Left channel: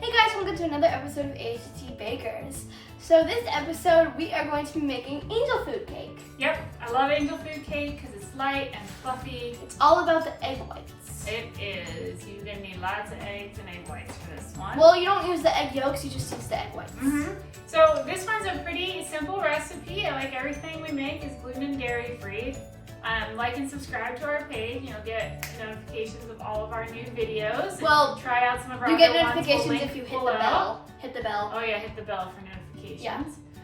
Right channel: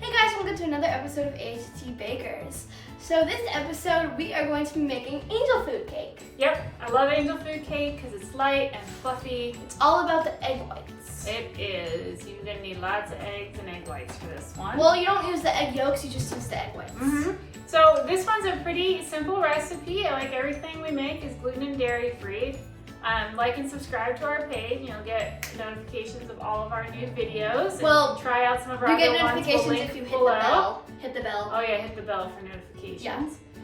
Hey guys, welcome to another episode of A.to.T Bakers. So this episode we are going to be making angel food cake. Yep, I love angel food cake because it's light and fluffy. It's all about the egg whites. It is. You're going to need lots of eggs and egg whites for this one. Well, you don't use the egg yolks, you just use the egg whites. So this one's a pretty simple recipe. Like everything we make is gluten and dairy free. Like and subscribe to our page. You'll get notifications of all of our new videos. Well, try out some of our you get other ones. notifications We'll if you hit below. the bell. Hit the bell. Oh yeah, hit the bell for notifications. Yeah.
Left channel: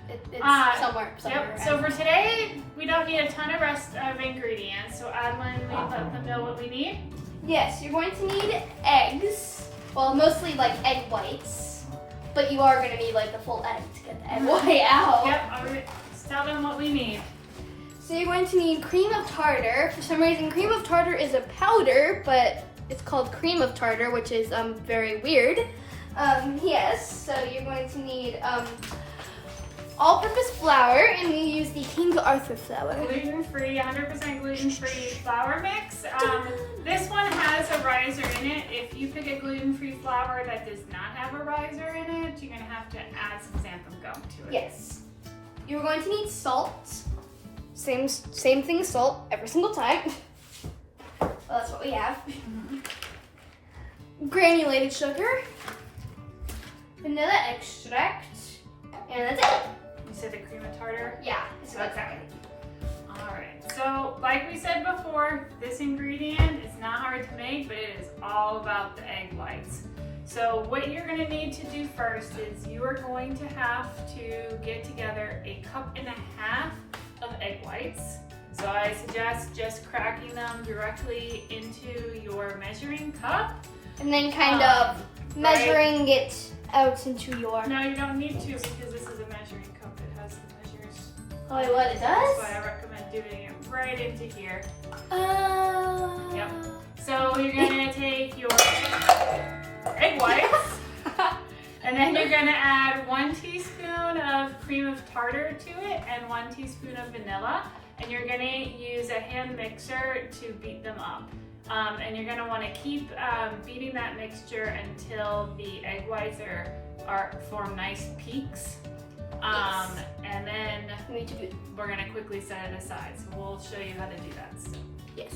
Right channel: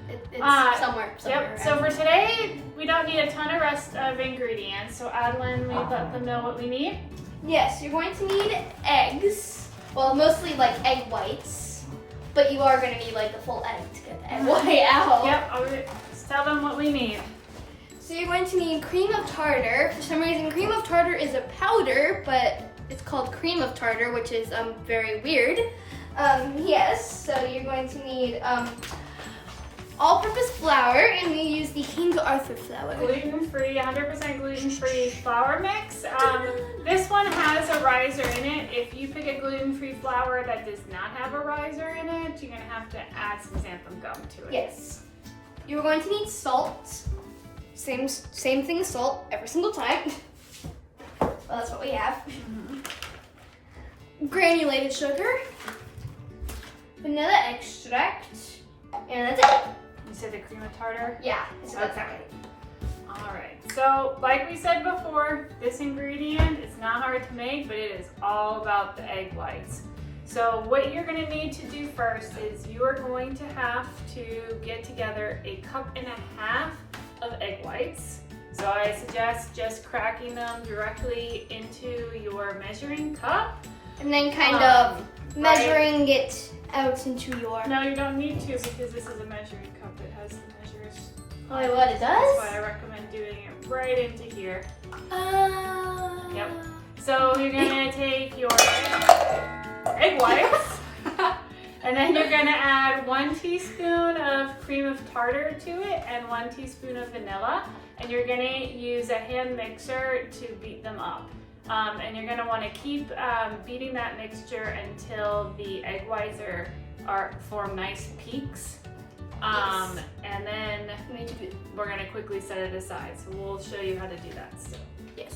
It's somewhere. Yep. So for today, we don't need a ton of ingredients. So Adeline, we let them know what we need. Yes, you're going to need eggs. Well, mostly like egg whites, but you are going to need like the full egg to get the egg white out. Yep. I'll just tell them what we need. So you're going to need cream of tartar. For some reason, cream of tartar is a powder, but it's called cream of tartar, which is very weird. Yes, so you're going to need all-purpose flour, and you use the King Arthur flour. Gluten-free, 100% gluten-free flour mix. This one has a riser in it. If you pick a gluten-free flour that does not have a riser in it, you're going to have to add some xanthan gum to it. Yes. You're going to need salt. Same thing as salt every single time. Well, that's what we have. Granulated sugar, vanilla extract, and that's it. You said the cream of tartar? Yeah, it's about Okay. Alright, so like we said before, this ingredient is not hard to make, but it is all about the egg whites. So what you're going to need to do first is you are going to have to get together 1.5 cups of egg whites. So I suggest just cracking them directly into your measuring cup. And then kind of measuring it out into your... No, you don't need to because this is a measuring cup. It has the measures. Oh, wait, what it does? That's why I recommend doing it right into here. Yep. So you're going to take your egg whites and then you're going to add 1 teaspoon of cream of tartar to it and 1 teaspoon of vanilla, and you're going to use a hand mixer to beat them up. And you're going to want to keep beating that mixture until the egg whites form nice peaks. And then we're going to quickly set it aside. So we'll show you how to do that soon. Yes.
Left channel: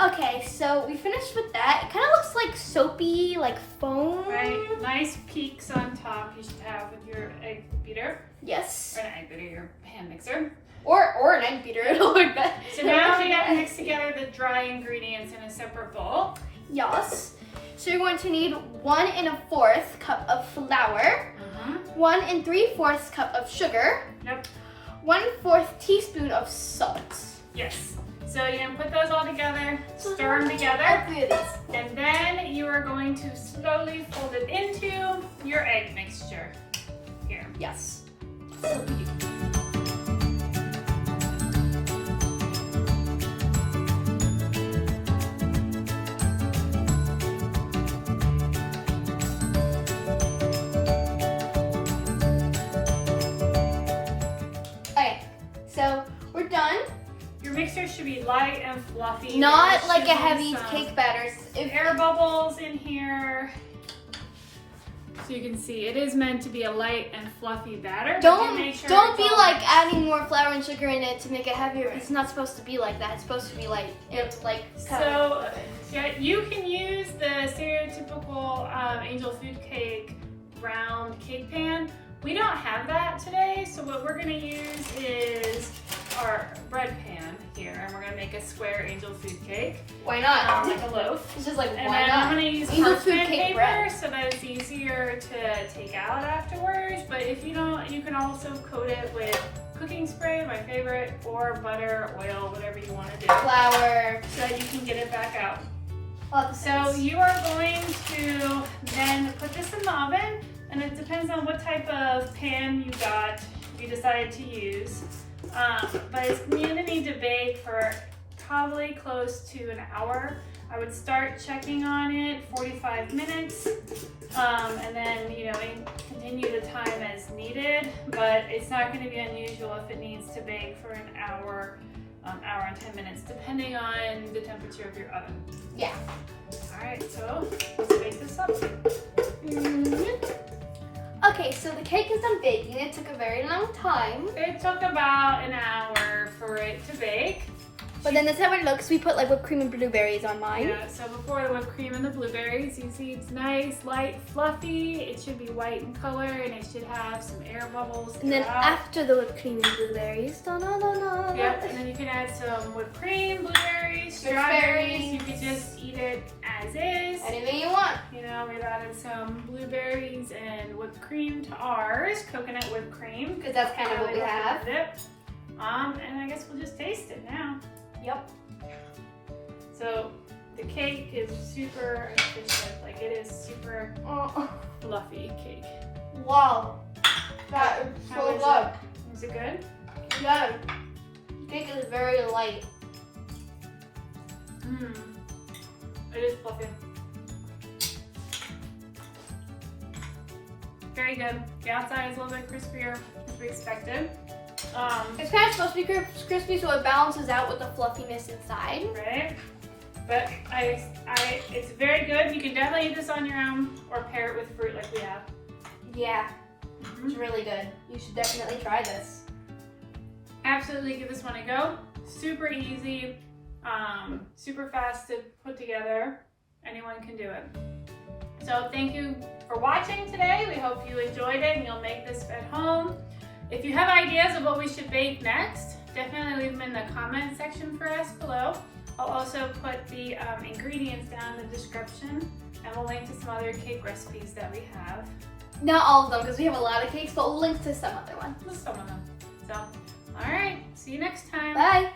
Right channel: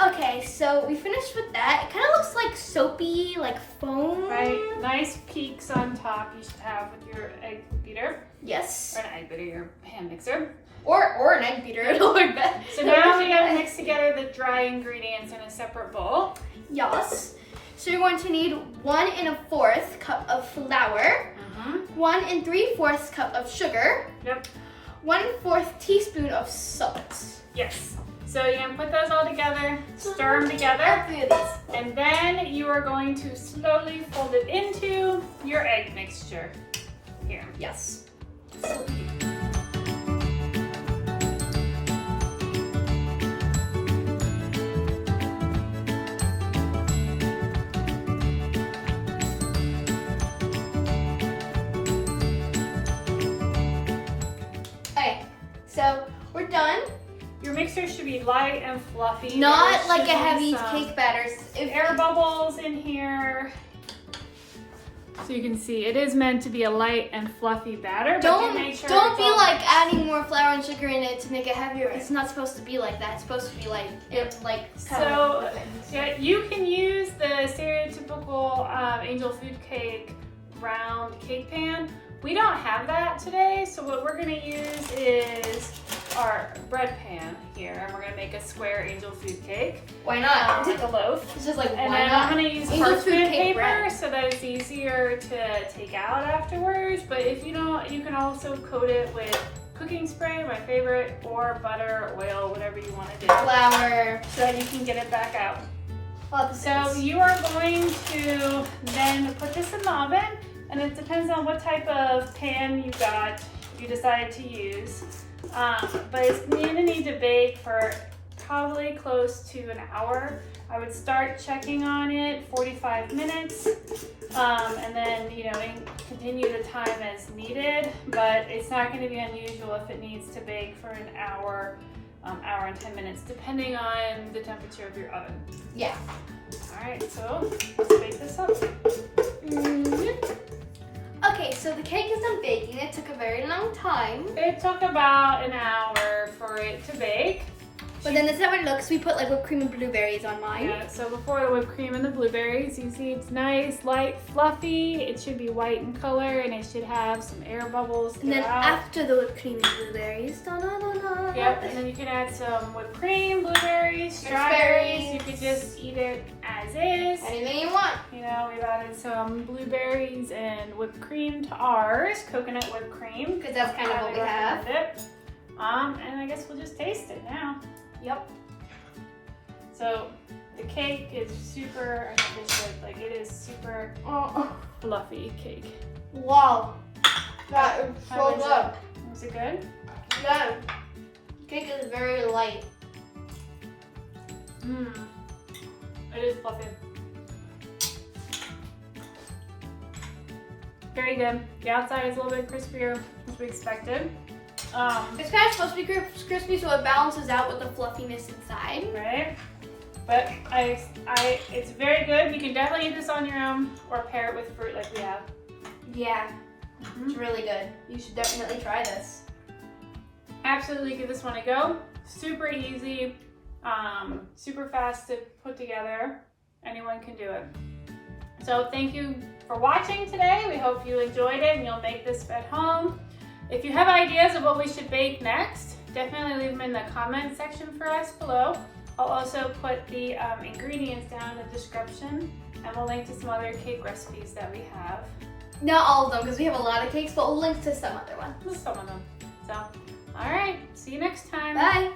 Okay, so we finished with that. It kind of looks like soapy, like foam. Right, nice peaks on top you should have with your egg beater. Yes. Or not egg beater, your hand mixer. Or an egg beater, it'll work better. So now you gotta mix together the dry ingredients in a separate bowl. Yes. So you're going to need 1 1/4 cup of flour, 1 3/4 cup of sugar, Yep. 1/4 teaspoon of salt. Yes. So you're gonna put those all together, stir them together, and then you are going to slowly fold it into your egg mixture. Here. Yes. Okay, so we're done. Your mixer should be light and fluffy. Not There like a should be heavy some cake batter. air bubbles in here. So you can see it is meant to be a light and fluffy batter. Don't make sure don't it's be all like mixed. adding more flour and sugar in it to make it heavier. It's not supposed to be like that. It's supposed to be like kind So of like yeah, you can use the stereotypical angel food cake round cake pan. We don't have that today, so what we're gonna use is our bread pan here, and we're gonna make a square angel food cake. Why not? Like a loaf. It's just like And why then not? I'm gonna use Angel food parchment cake paper bread. so that it's easier to take out afterwards. But if you don't, you can also coat it with cooking spray, my favorite, or butter, oil, whatever you want to do. Flour. So you can get it back out. Lots of So you are going to then put this in the oven, and it depends on what type of pan you decide to use. But it's gonna need to bake for probably close to an hour. I would start checking on it 45 minutes, and then, continue the time as needed, but it's not going to be unusual if it needs to bake for an hour, hour and 10 minutes, depending on the temperature of your oven. Yeah. All right, so let's bake this up. Okay, so the cake is done baking. It took a very long time. It took about an hour for it to bake. But then this is how it looks. We put like whipped cream and blueberries on mine. Yeah, so before the whipped cream and the blueberries, you see it's nice, light, fluffy. It should be white in color, and it should have some air bubbles. And then after the whipped cream and blueberries, da-da-da-da. Yep, and then you can add some whipped cream, blueberries, strawberries. You could just eat it as is. Anything you want. We added some blueberries and whipped cream to ours, coconut whipped cream. Because that's kind of what we have. And I guess we'll just taste it now. Yep. So the cake is super artistic, like it is super fluffy cake. Wow. That is How so was good. it? Was it good? Yeah. The cake is very light. It is fluffy. Very good. The outside is a little bit crispier as we expected. It's kind of supposed to be crispy, so it balances out with the fluffiness inside. Right. But it's very good. You can definitely eat this on your own or pair it with fruit like we have. Yeah, it's really good. You should definitely try this. Absolutely give this one a go. Super easy, super fast to put together. Anyone can do it. So thank you for watching today. We hope you enjoyed it and you'll make this at home. If you have ideas of what we should bake next, definitely leave them in the comment section for us below. I'll also put the ingredients down in the description, and we'll link to some other cake recipes that we have. Not all of them, because we have a lot of cakes, but we'll link to some other ones. Some of them. So, all right, see you next time. Bye.